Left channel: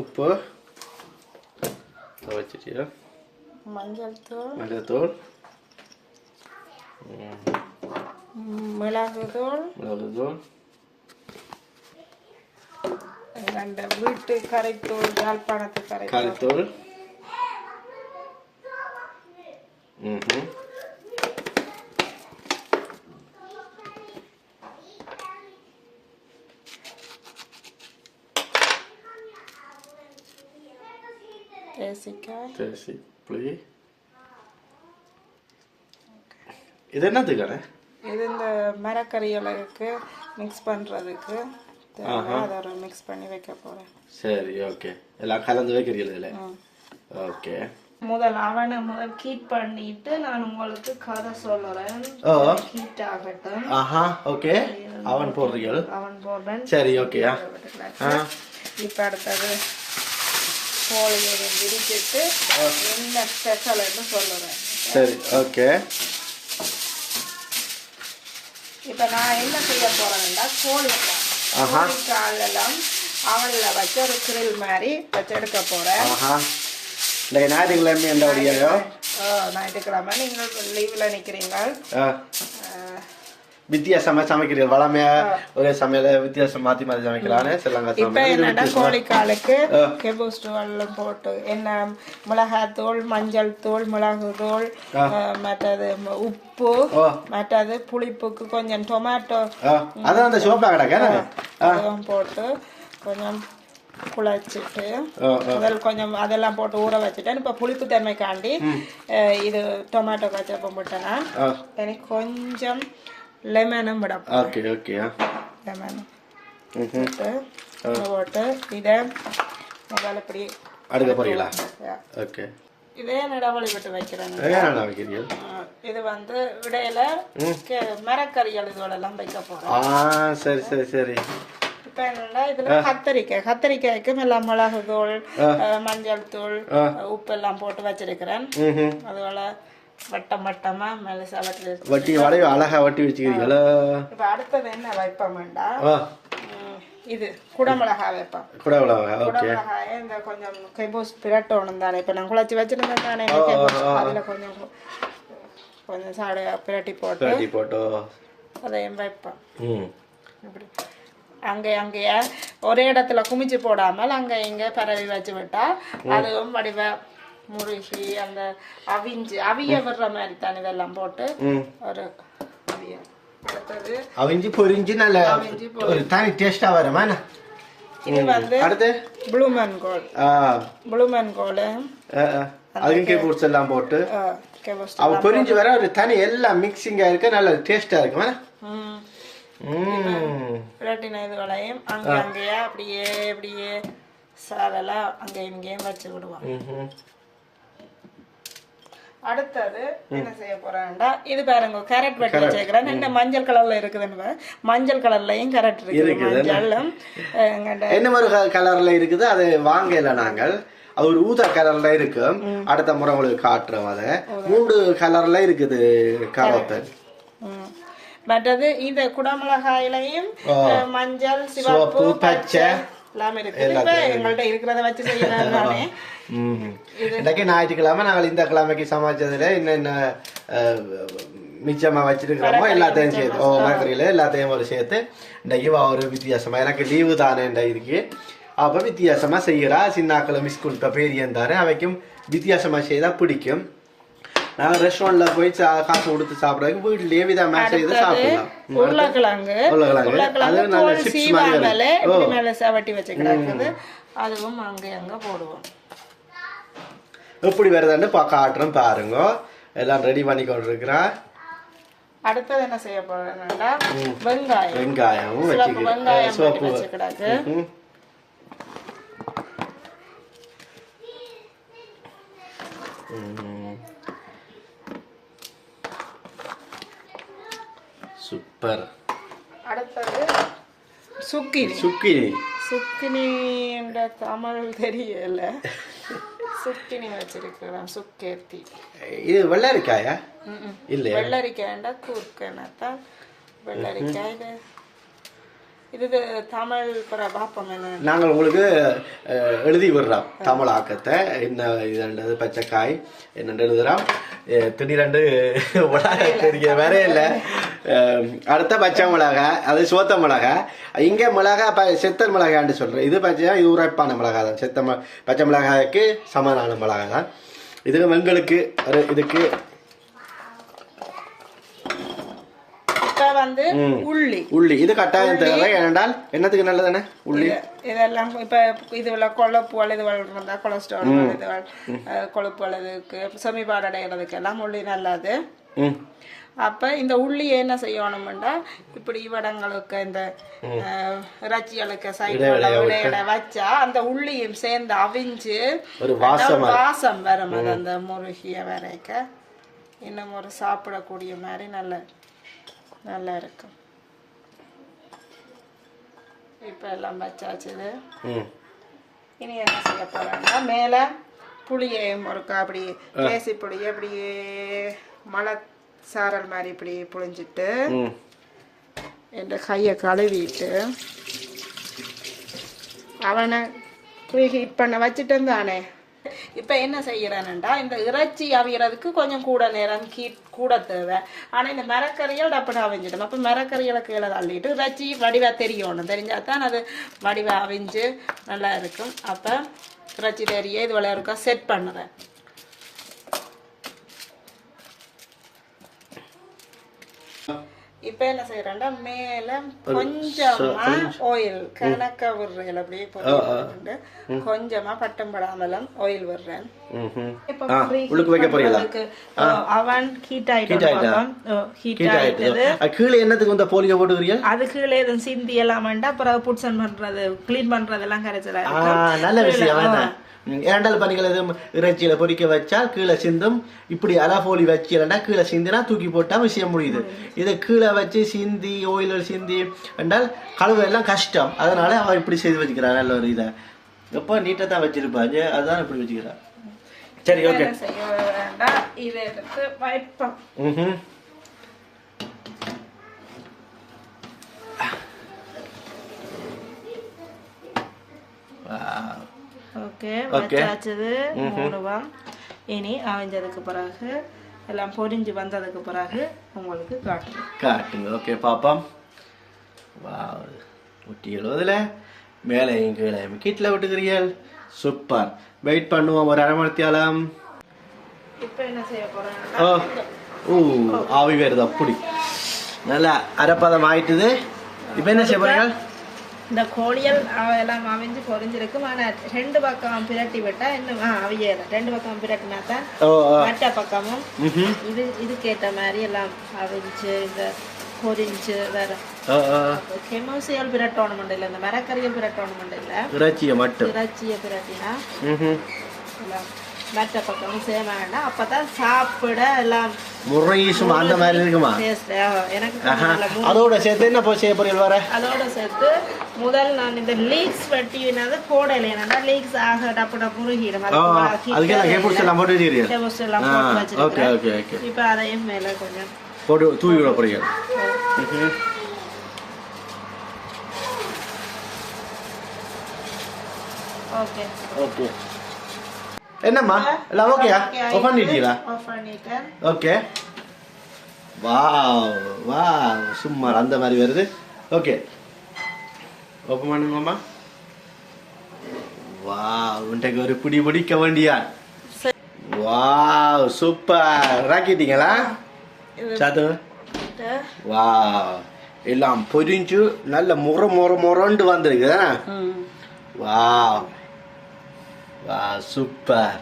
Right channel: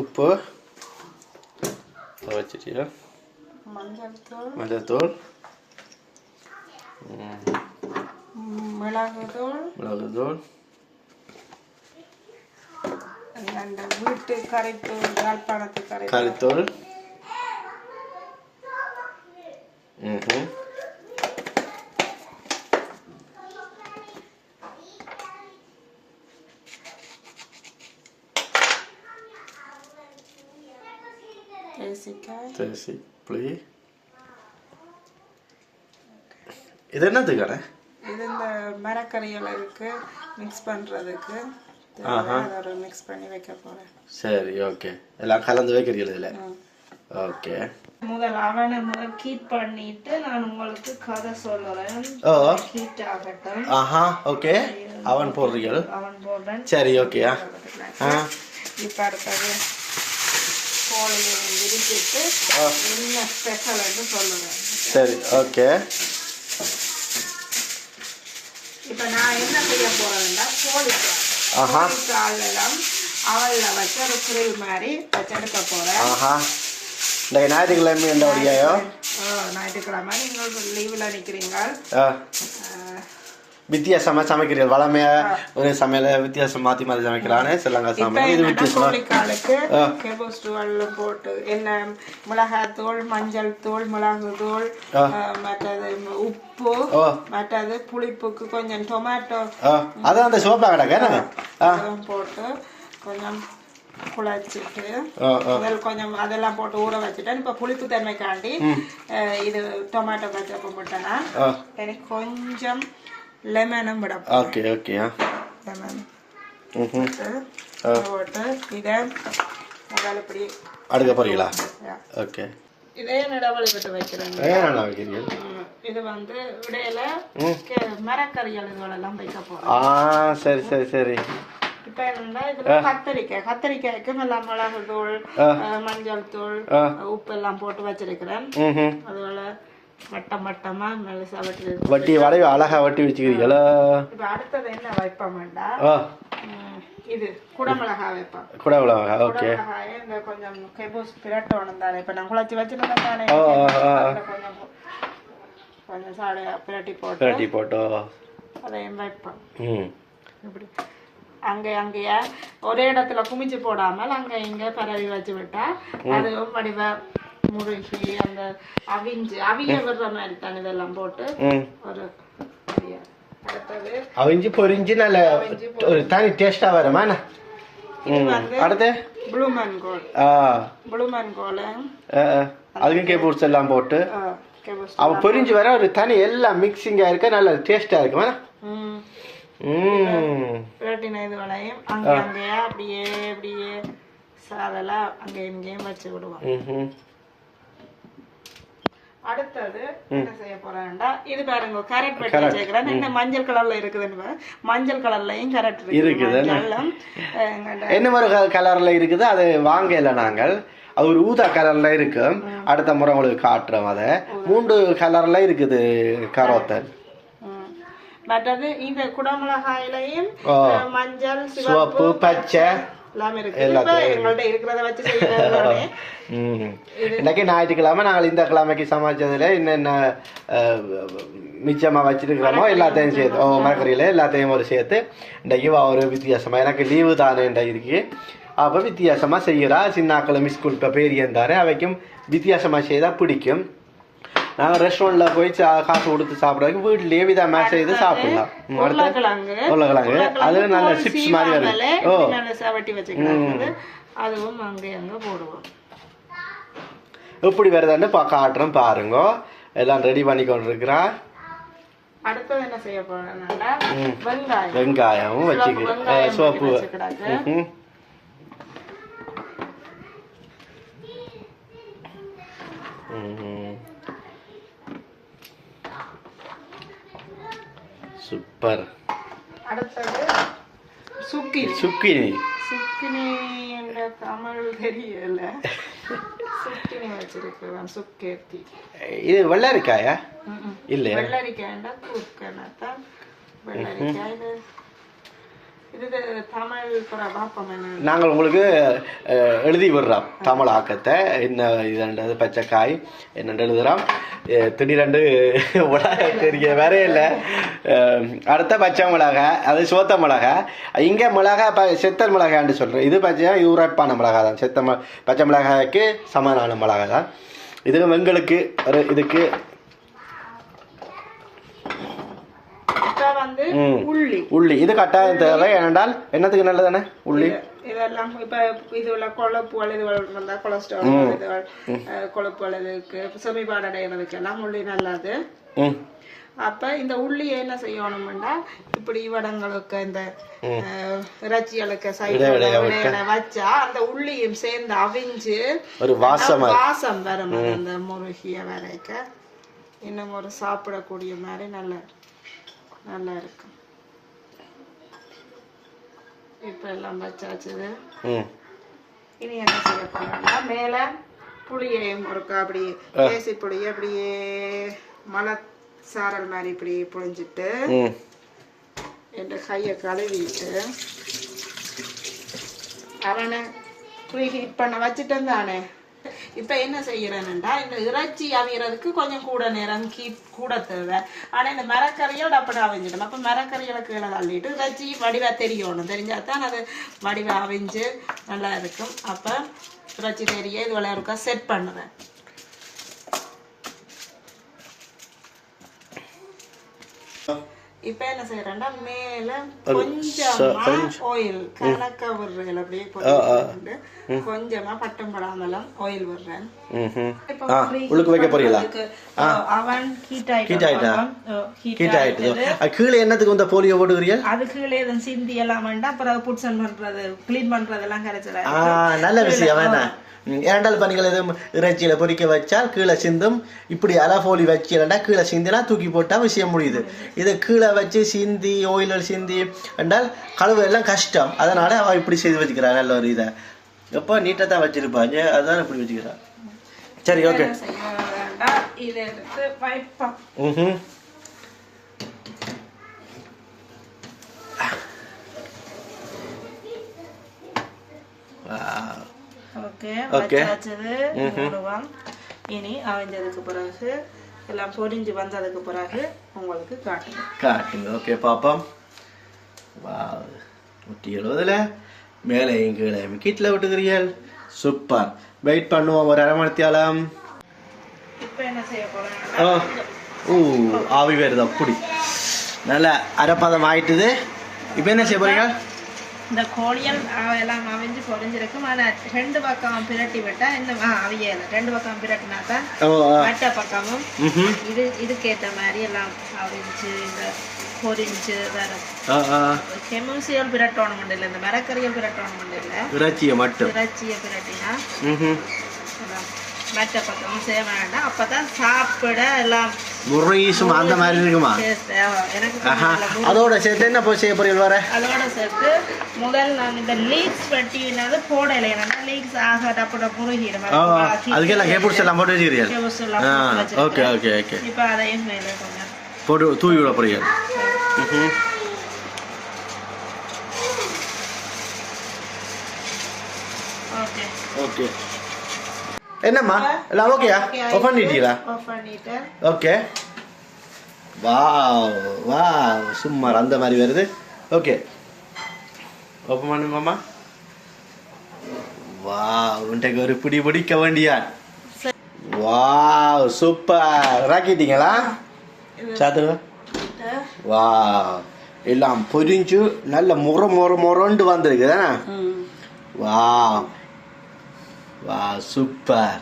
உப்பு வச்சுட்டியா? மஞ்சள் தூள், மிளகு தூள், வீட்டு கரைத்தூள், யாழ்ப்பாணத்து கரைத்தூள், புளி. இது என்னதுக்கான? இது இந்த மரக்கறிகளுக்கு மிக்ஸ் பண்றதுக்கு மிக்ஸ் பண்ணி வைக்க போறேன். சரி, ஓகே. எல்லாம் கலந்து வைக்கிறீங்களா இதுல? ஓகே. முதல் அவனை ஹீட் பண்ணிட்டு நான் உங்களுக்கு கதை சொல்றேன். ஹீட் ஆகட்டும். ஓகே. அவன் போடுறீங்க? அவன் போடுறேன். சரி, ஓகேயா? இப்ப அடுத்தது கோழியை விரிச்சிட்டு என்ன ஸ்பெஷல்னு சொல்லுறேன். சரி, ஓகே. இப்ப நான் என்ன செய்ய போறேன்னா கோழிக்கால் அவள வச்சு ஒரு கிரில் மாதிரி வச்செடுக்க போறேன். ஞாயிற்றுக்கிழமை என்ன வழியாயோ? ஞாயிற்றுக்கிழமை நீங்கள் லீவ்ல நிக்கிறீங்க. வித்தியாசமா சமைக்கிறீர்கள். வளமையா ஒரே சமையல வித்தியாசம் மாத்தி மாத்தி சமைக்கலான்னு சொல்லுங்க. கோழிக்காலுக்கு கெபோஸ்டுவெல்லாம் போட்டு என்ன மிளகாத்தூள், மஞ்சள் தூள், மிளகு தூள், மற்றது உப்பு, மற்றது புளிப்புக்கு கொஞ்சம் டொமேட்டோ அதான் அந்த சோப்பா கிடக்க போட்டு கொஞ்சம் குழச்சிட்டு முதல் கொஞ்சம் அதெல்லாம் போட்டு ஊற வச்சுட்டேன். இப்ப புளிப்பு தன்மைக்காண்டி இது டொமேட்டோ கச்சப்பம் போட்டேன்னா எனக்கு கொஞ்சம் லெமனும் விட லெமன் போட்டு இதை முதல்ல இப்படி அடுக்க போறீங்களா? ஓகே. இதே இடவெளி விட்டு வைக்கிறேன். இது வந்து இடையில மரக்கறிகள் இதோடெல்லாம் வைக்க போறேன். சரி சரி சரி. இப்ப என்னன்னா இதுல கத்திரிக்காய்க்கு எல்லாம் மிளகு தூள், மஞ்சள் தூள், உப்பு எல்லாம் போட்டு வச்சிருக்கிறேன். அதுபோல வட்டமா மெலிசா வட்டி வளைவு அழகா வட்டி வச்சுக்கிறீங்களா? இப்ப அடுத்தது என்ன வைப்போம் வேண்டாம், இது குடமிளகா வைப்போம். குடமிளகா, ஓகே. இந்த கொஞ்சம் கைபோஸ் பிரட்டணும் தானே. இப்ப நான் குழச்சி வச்சிருந்தேன் தானே, கொஞ்சம் கொஞ்சம் சாடை பிரட்டி போட்டு அதையும் வைப்போம். இப்படி அங்கேயா ஒரே இடத்துல குமிச்சு போடாமல் அங்க இங்க பரவி வச்சு விட்டா அதுவும் வடிவ முருகி அந்த அவிய விடுற மாதிரி தானே இதெல்லாம் போட்டு ஒரு அவிஞ்சு பொரிஞ்சு நல்ல ஒரு தனி டேஸ்டா வருமா? இது வந்து அடுத்து ப்ளூமன் கோல் அதுக்கும் கேபூர்ஸ் எல்லாம் போட்டு அவ பொரிஞ்சு வர ஒரு தனி எல்லாம் மிக்சிங்கா இருக்க நல்ல டேஸ்டா இருக்குமா? இது வளையும் அங்கேயா அப்படியே சாதெல்லாம் அங்கேயும் இங்கேயும் வச்சு விடுவோம். அடுத்தது என்ன செய்ய போறேன்டா, இது பாருங்க கேரட் வெட்டி வச்சிருக்கிறேன். இந்த மஞ்சள் கலர்ல இருக்குதுன்னு மஞ்சள் கலர்லயும் கேரட் இருக்குது. என்ன மாதிரி கலர்ல இருக்குது அது வாங்கல நாங்கள். அது ஒரு ஊதா கலர்ல இருக்கு. அடுத்த முறை உங்களுக்கு காட்டுறோம். அதை 3 கலர்ல இருக்குது கரோத்தல். மற்றது இந்த குடமிளகாயிலையும் மஞ்சள், சிவப்பு, பச்சை இன்னைக்கு ஞாயிற்றுக்கிழமை நாங்கள் இந்த கிழமைக்கு சமைச்சதுல என்னென்ன மிச்சமா வச்சிருக்கிறோமோ எல்லாத்தையும் சேர்த்து மரக்கறியில எல்லாத்தையும் ஒரு சேர்த்து இன்னைக்கு ஒரு வித்தியாசமா எனக்கு லீவு தானே இருக்கு. அப்ப வித்தியாசமா செய்யறா. சின்னாக்களும் ஸ்கூல் பெரியன் தானே அவைக்கும் வித்தியாசமா செய்தா பிடிக்கும். நாங்கள் ரெஸ்டாரண்ட்ல போய் காசு கொடுத்து சாப்பிட்றதுக்கு வீட்லயே விதா மேட்ச் செய்து சாப்பிடலாம். உருளைக்கிழங்கு அது நல்ல சிப்ஸ் மாதிரி அதுவும் அங்க போடுவோம். எப்படி வருதுன்னு காட்டுறோம் பாருங்க. எல்லாம் ரெடி பண்ணி கொண்டு இருக்கிறா. அடுத்தது என்ன செய்ய போறேன்னா வெங்காயம் வச்சுக்க சோப்பு சூப்பர். அடுத்தது சுக்கினி. சுக்கினி என்ற தமிழ் தெரியல. சுக்கினி வச்சிருக்கிறோம். சுக்கேத்தி. இது வெள்ளரிக்காயா? இல்ல வெள்ளரிக்காய்டா கூர்க்கனத்தா வெள்ளரிக்காய். இது தமிழ் கூட பாப்பம் என்ன நாங்கள் உங்களுக்கு எழுதி விடுறோம் தமிழ் ஆக்கத்தை என்ன இதுன்றது பச்சைக்காய் என்னென்று எழுதுகிறோம் திடீரெண்டு மிளகா வேற இல்லை அடுத்த பச்சை மிளகா அது சோத்த மிளகா இங்கே மிளகா செத்தல் மிளகான்னு சொல்கிறேன் இது பச்சை இது உரைப்பான மிளகா தான் பச்சை மிளகாய்க்கு சமனான மிளகா தான் இது எங்களுக்கு ஒரு இதுக்கு வந்து உள்ளி உள்ளி இது கட்டாயம் தேவை ஏனென்றால் என்னத்துக்கு நல்லதானே உள்ளி இதெல்லாம் இப்ப இதுல கொழுப்பு இதுகள் இருந்தா கொலஸ்ட்ரால் இதுகள் கொழுப்புகள் இதுக்கு செமிபாடு அடைகிறதுக்கு எல்லாம் உள்ளி நல்லது அப்ப இந்த உள்ளி என்ன செய்யணும்னா இப்படி வடங்களுக்கு இந்த இறைச்சிகளுக்கு சைடுல வச்சா அந்த உள்ளியும் சேர்ந்து அவிஞ்சு ஒரு வாசம் வரும் அந்த முருகிய வரைக்க இன்னும் ஒரு சாப்பிடக்கூடிய மாதிரி நல்லா இருக்கும் இப்ப எல்லாம் வச்சாச்சு இனி என்ன செய்ய போறோம்னா மேல புளியையும் ஒருக்கா அப்படி பேசி புளியை அப்படியே மலை சாரல் மாதிரி இப்படி புழிஞ்சிட்டு என் கையை கழுவிட்டு அவனை ஹீட் பண்ண வச்சுட்டு தானே இப்ப என்ன செய்யறேன்டா இந்த இறைச்சி அவியறதுக்கு கொஞ்சம் கூட நேரம் கூட தேவை ஆனா இந்த மரக்கறிகள் டப்புனு அவிஞ்சிடும் அப்ப மரக்கறிகளை கீழே தள்ளிட்டு இறைச்சி வடிவா தெரியணும் தெரிஞ்சாதான் அது வடிவா அவிஞ்சு நல்லா இருக்கும் அப்ப இறைச்சி தெரிய இது விளையாடுக்கா செட் பண்ணுவேன் இப்ப என்ன செய்யறேன்டா மேல கொஞ்சமா ஆயில் கணக்கா விடுறேன் அப்படியே போட்டு கொஞ்சமா பட்டம் படாமலும் ஆயில் விடுறேன் உள்ளுக்கு வைக்க போறீங்களா அவன் ஹீட் ஆயிட்டு கீழே என்னத்துக்கு இந்த போலியோ போட்டுக்கிறீங்க அது கீழே எதுவும் சிந்தி எல்லாம் வேண்டாம் அப்புறம் புட்சன் பண்றது கிளீன் பண்றது எல்லாம் கிடைச்சல நல்ல விஷயம் வேணா ஏண்டால் பணிகள் எதுவும் இறைச்சியில பொறிக்க வச்சால் கீழே சிந்தும் இப்படி அலஃபோலி வச்சிடா கீழே சிந்தினா தூக்கி போட்டா விஷயம் முடியுது இதை கீழே வச்சு சிந்தி ஓயிலில் சிந்தி என்றால் கழுவு எல்லாம் கஷ்டம் அதனால அவ இப்படி செய்து வச்சுக்கிறா நல்ல ஒரு இதை எப்போ நீட்டாக தான் வச்சிருப்பாங்க அதுதான் இப்படி வச்சுக்கிறா சரி ஓகே இனி அவிஞ்சதுக்கு பிறகு எல்லாம் பொரிஞ்சு வந்ததுக்கு பிறகு உங்களுக்கு காட்டுங்க ஓகே பாப்போம் ஊட்டி எழுவதுல மேலையும் கீழே கீட்டில் விட்டுக்கிறீர்கள் சூப்பர் வெயிட் பண்ணுவோம் ஒரு அரை மணித்தியாலம் இப்ப என்ன செய்ய போறேன் ஆவி வருது அப்படி நல்லா அரைப்பதம் ஆயிட்டுது இப்ப என்ன செய்ய போறீங்க இந்த கோழியல் எல்லாம் அவிஞ்சு பொரிஞ்சிருக்கு ஆனா ரெண்டு பக்கம் பிரட்டி விட்டா இந்த அவிய ரெண்டு பக்கம் பிரட்டினா தான் மற்ற பக்கமும் இதுக்கேற்ற மாதிரி எல்லாம் அவிஞ்சு இந்த பொரிஞ்சு வேற கெமிசியல் பிரட்டோணும் இல்லை இந்த மரக்கறியல் பிரட்டோணும் இல்லை இறைச்சியை பிரட்டினா மற்ற பக்கமும் செய்ய வேண்டாம் அப்பதான் சாப்பிட எல்லாம் முறையும் அந்த மாதிரி இருக்குமா அதோட சேர்த்து என்ன செய்ய போறீங்க வர அதோட சேர்த்து முதல் நான் இந்த லீக்ஸ் வெட்டினது போடலை லீக்ஸ் ஆக டப்பட முழுகிடும் அதுக்கெல்லாம் ஹேபுட்ஸ் எல்லாம் போட்டு வச்சிருக்கீங்க ஓகே ஓகே ஓகே இப்போ அதையும் மேல கொஞ்சம் போட்டு தூவி விட போறீங்க ஓகே ஓகே என்னம்மா எல்லாம் ஓகேயா ஆஃப் பண்ணிட்டீங்களா ஓகே வாவ் சும்மார் அந்த மாதிரி வருது ஓகே ஓப்பன் பண்ணுங்கம்மா வாவ் இன்றைக்கு ஒரு பிடி பிடிக்க வேண்டியான் வாவ் சூப்பர் ராக்கிட்டீங்களா சாத்துங்க வாவ் எல்லாம் பொரிஞ்சு நல்ல முறண்டு வந்திருக்கு தானே வாவ் வா சூப்பர்